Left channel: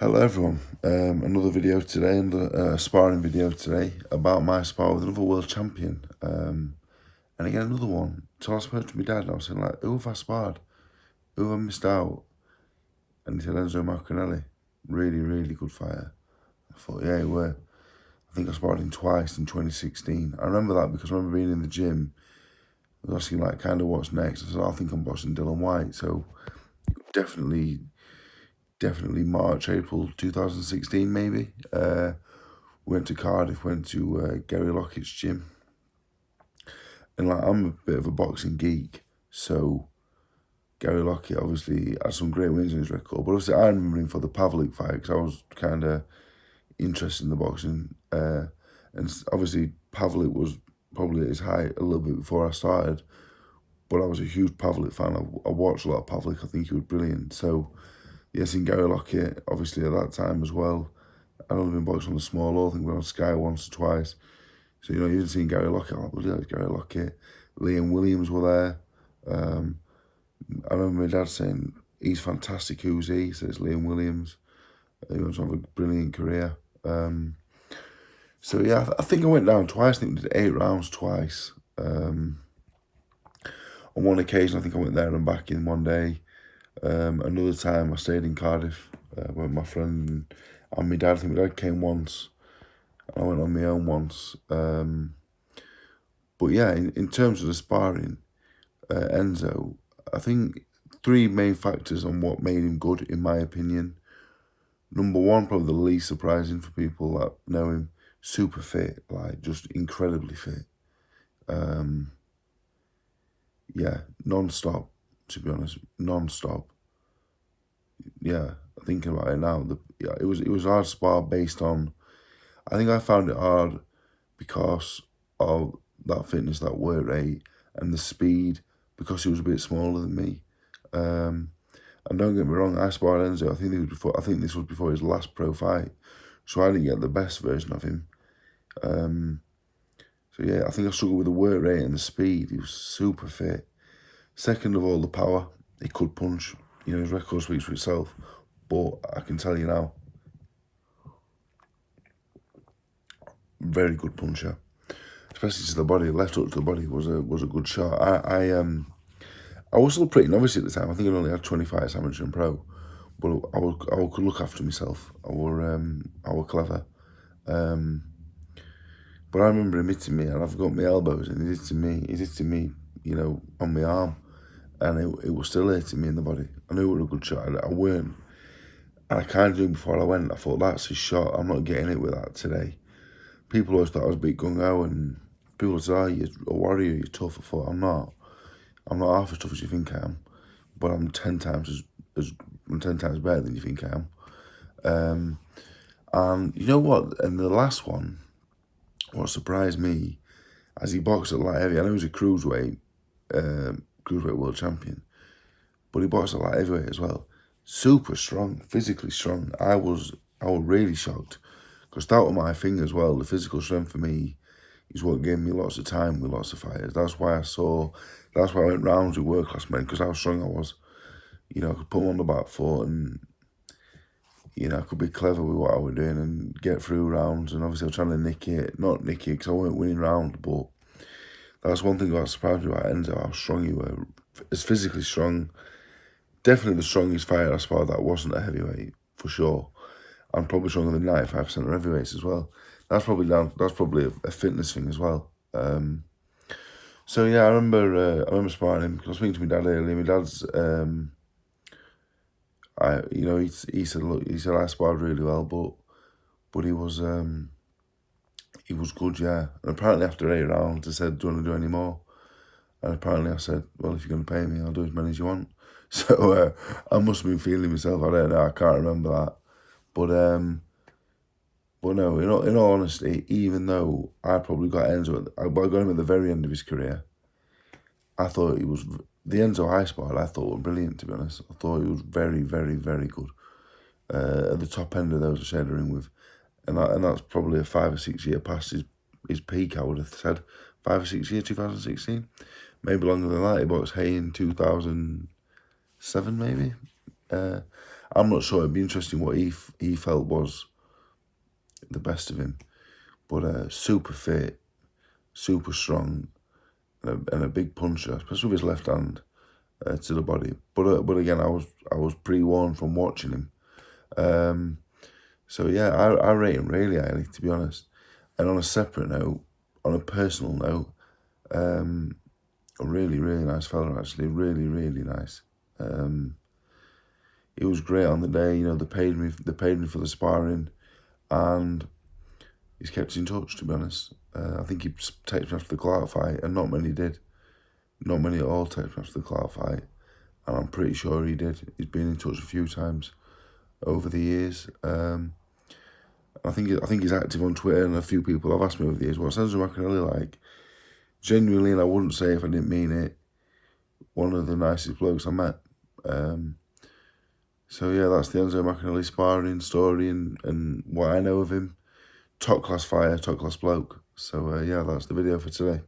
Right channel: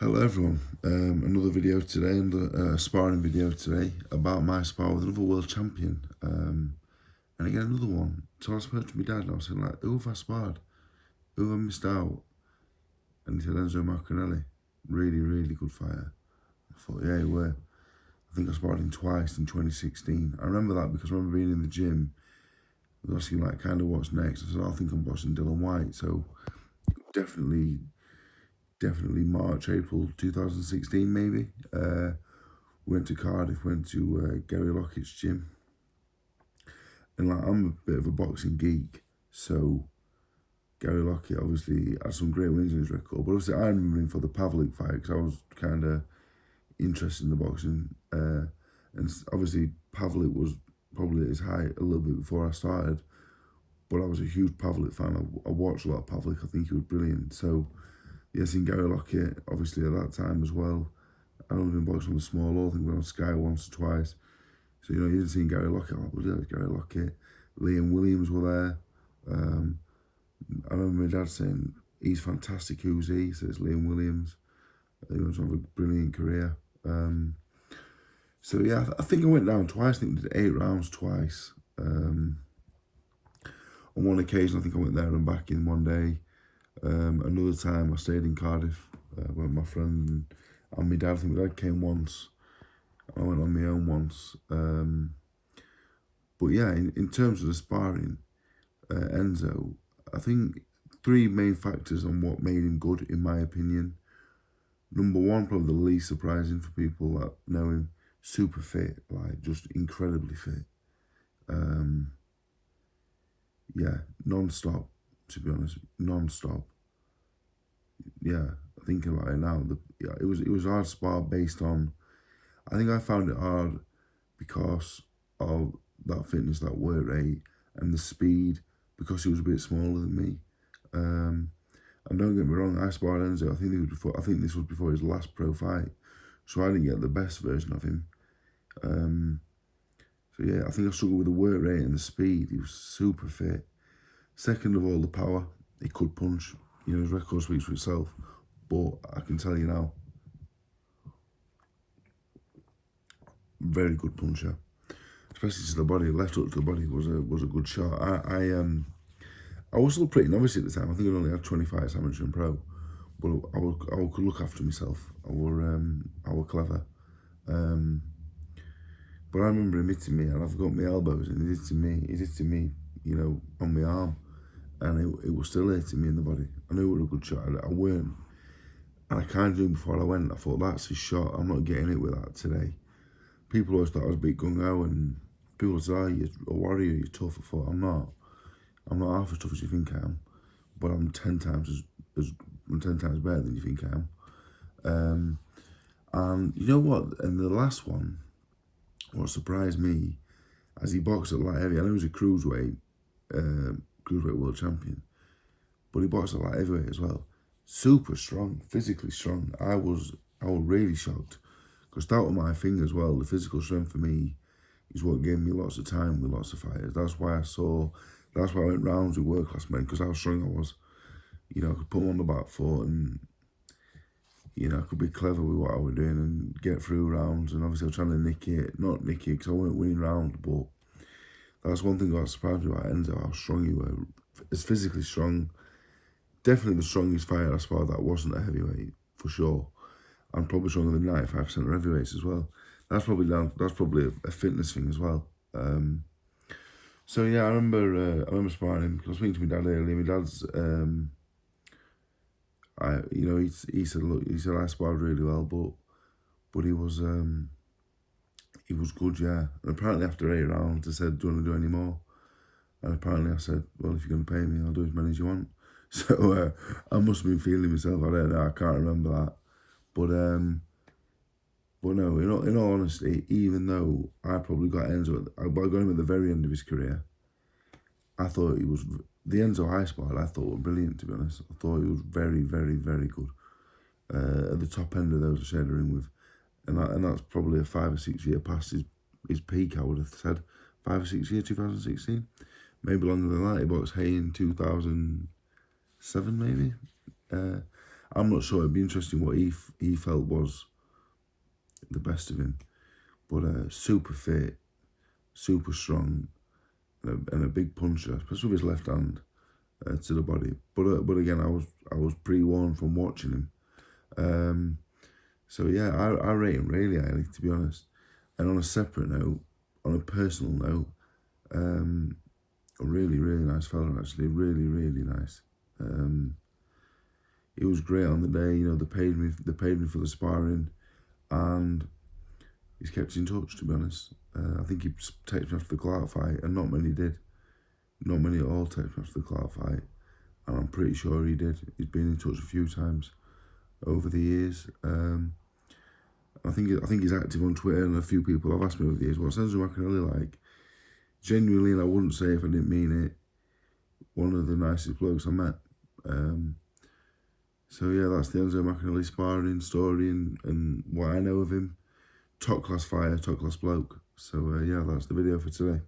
Hello everyone, another video today, another sparring video today about my spar with another world champion. And again another one. So I spoke to my dad and I was saying like, who have I sparred? Who have I missed out? And he said Enzo Maccarinelli. Really, really good fighter. I thought, yeah, he were. I think I sparred him twice in 2016. I remember that because I remember being in the gym. I was asking like kind of what's next. I said, I think I'm boxing Dylan White. So definitely March, April 2016 maybe. Went to Cardiff, went to Gary Lockett's gym. And like, I'm a bit of a boxing geek, so Gary Lockett obviously has some great wins in his record. But obviously I remember him for the Pavlik fight because I was kind of interested in the boxing. And obviously Pavlik was probably at his height a little bit before I started. But I was a huge Pavlik fan. I watched a lot of Pavlik. I think he was brilliant. So, yes, in Gary Lockett, obviously at that time as well. I'd only been boxing on the small hall. I think we were on Sky once or twice. So, you know, you've seen Gary Lockett. Oh, bloody hell, it's Gary Lockett. Liam Williams were there. I remember my dad saying, he's fantastic, who's he? So it's Liam Williams. He went to have a brilliant career. So, yeah, I think I went down twice. I think we did 8 rounds twice. On one occasion, I think I went there and back in one day. Another time, I stayed in Cardiff with my friend and my dad. I think my dad came once. I went on my own once. But yeah, in terms of the sparring, Enzo, I think 3 main factors on what made him good, in my opinion. Number one, probably the least surprising for people that know him, super fit, like just incredibly fit. Yeah, non-stop, to be honest, non-stop. Yeah, thinking about it now, it was hard spar based on. I think I found it hard because of that fitness, that work rate, and the speed, because he was a bit smaller than me. And don't get me wrong, I sparred Enzo. I think this was before his last pro fight, so I didn't get the best version of him. So yeah, I think I struggled with the work rate and the speed. He was super fit. Second of all, the power. He could punch. You know, his record speaks for itself. But I can tell you now, very good puncher, especially to the body. Left hook to the body was a good shot. I was still pretty novice at the time. I think I only had 20 fights amateur and pro, but I could look after myself. I were clever. But I remember him hitting me, and I've got my elbows, and he's hitting me, you know, on my arm, and it was still hitting me in the body. I knew it was a good shot. I weren't, and I kind of knew before I went. I thought, that's his shot. I'm not getting it with that today. People always thought I was a bit gung-ho, and people said, oh, you're a warrior, you're tough. I thought, I'm not half as tough as you think I am, but I'm 10 times I'm 10 times better than you think I am. And you know what? And the last one, what surprised me, as he boxed at light heavy, I know he's a cruiserweight world champion, but he boxed at light heavyweight as well. Super strong, physically strong. I was really shocked, because that was my thing as well. The physical strength for me is what gave me lots of time with lots of fighters. That's why I went rounds with world class men, because how strong I was. You know, I could put them on the back foot, and you know, I could be clever with what I was doing and get through rounds. And obviously I was trying to not nick it, because I weren't winning rounds, but that's one thing that surprised me about Enzo, how strong he was. As physically strong, definitely the strongest fighter I sparred that wasn't a heavyweight, for sure. I'm probably stronger than 95% of heavyweights as well. That's probably a fitness thing as well. So yeah, I remember sparring him, because I was speaking to my dad earlier. My dad's he said, look, I sparred really well, but he was good, yeah. And apparently after 8 rounds, they said, do you want to do any more? And apparently I said, well, if you're going to pay me, I'll do as many as you want. So I must have been feeling myself. I don't know. I can't remember that. But no, in all honesty, even though I probably got Enzo, I got him at the very end of his career, I thought he was, the Enzo I sparred, I thought was brilliant, to be honest. I thought he was very, very, very good. At the top end of those I shared the ring with. And that's probably a 5 or 6 year past his peak, I would have said. 5 or 6 years, 2016. Maybe longer than that. He boxed Hay in 2007, maybe. I'm not sure. It'd be interesting what he felt was the best of him. But super fit, super strong, and a big puncher, especially with his left hand to the body. But again, I was pre-warned from watching him. So yeah, I rate him really highly, to be honest. And on a separate note, on a personal note, a really, really nice fella, actually. Really, really nice. It was great on the day. They paid me for the sparring, and he's kept in touch, to be honest. I think he texted me after the Clark fight, and not many did. Not many at all texted me after the Clark fight, and I'm pretty sure he did. He's been in touch a few times over the years. I think he's active on Twitter, and a few people have asked me over the years, what's Enzo Maccarinelli like? Genuinely, and I wouldn't say if I didn't mean it, one of the nicest blokes I met. So yeah, that's the Enzo Maccarinelli sparring story and what I know of him. Top class fighter, top class bloke. So yeah, that's the video for today.